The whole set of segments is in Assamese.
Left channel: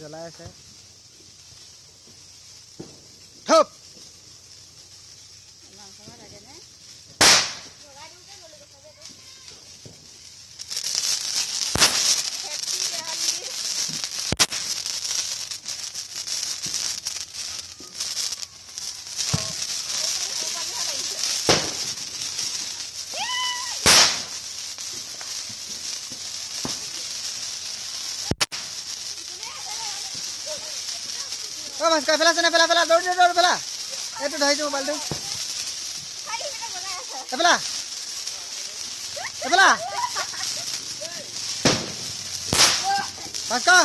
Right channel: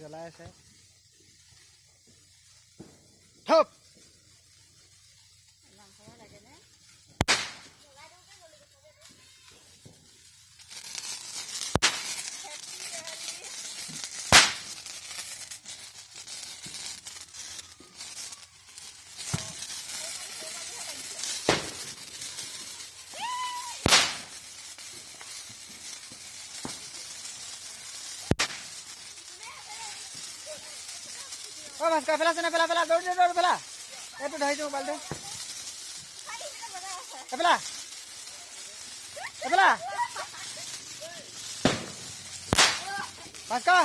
জ্বলাই আছে থপ ও ভাস্কৰ পেলাছে নে পেলা দৌৰ পেলা এইটো ধৰিছো মোবাইলটো এপেলা ভাস্কৰ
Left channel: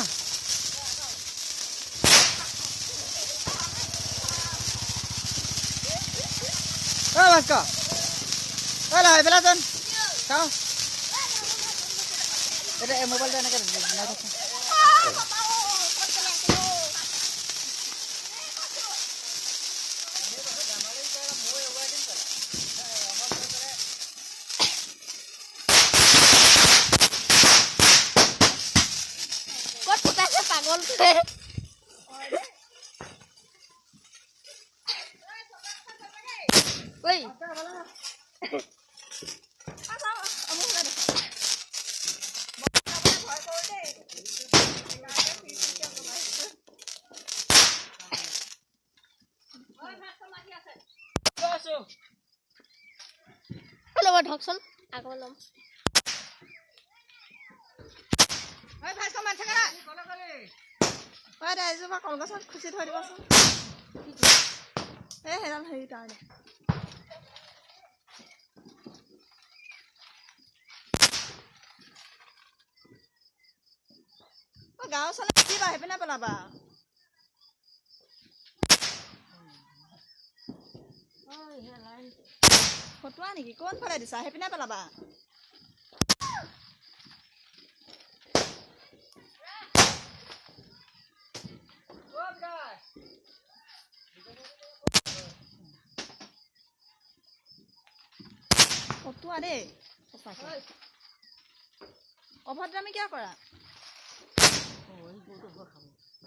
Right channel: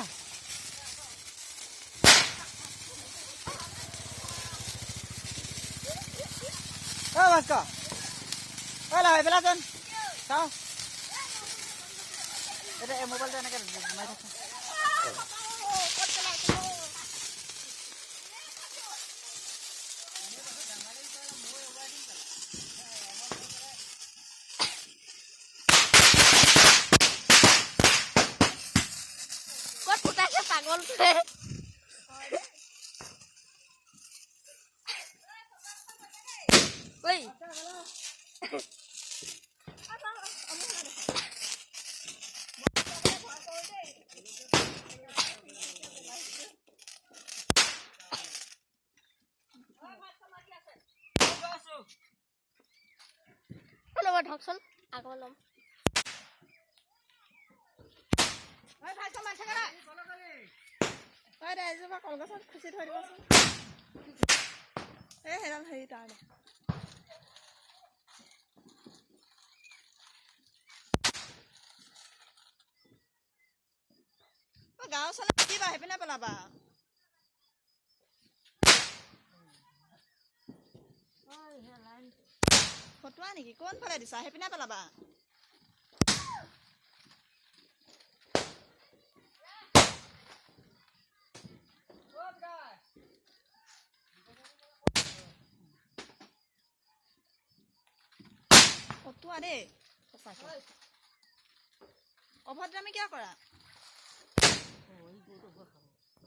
ও ভাস্কৰ লা এপেলাচোন চাওঁ এতিয়া এই মোবাইলটো এনেকৈ বনাই থাকোঁ পাগল রে ওই লব ঢকচোন আগৰ লম ঐ ভাস্কৰ মান থাকা না ঐ ৰাইজোপা কলগছত খুচি থৈ দিবচোন এই হেৰাল হেৰি তাৰনে গাঁও চালে কিবা সেইপিনে পেলাবা ফটোৱা নেকি কোনফালে দিছা সেইপিনে পেলাবা ফটোৱা দেই অভদ্ৰামি কিয় কৰা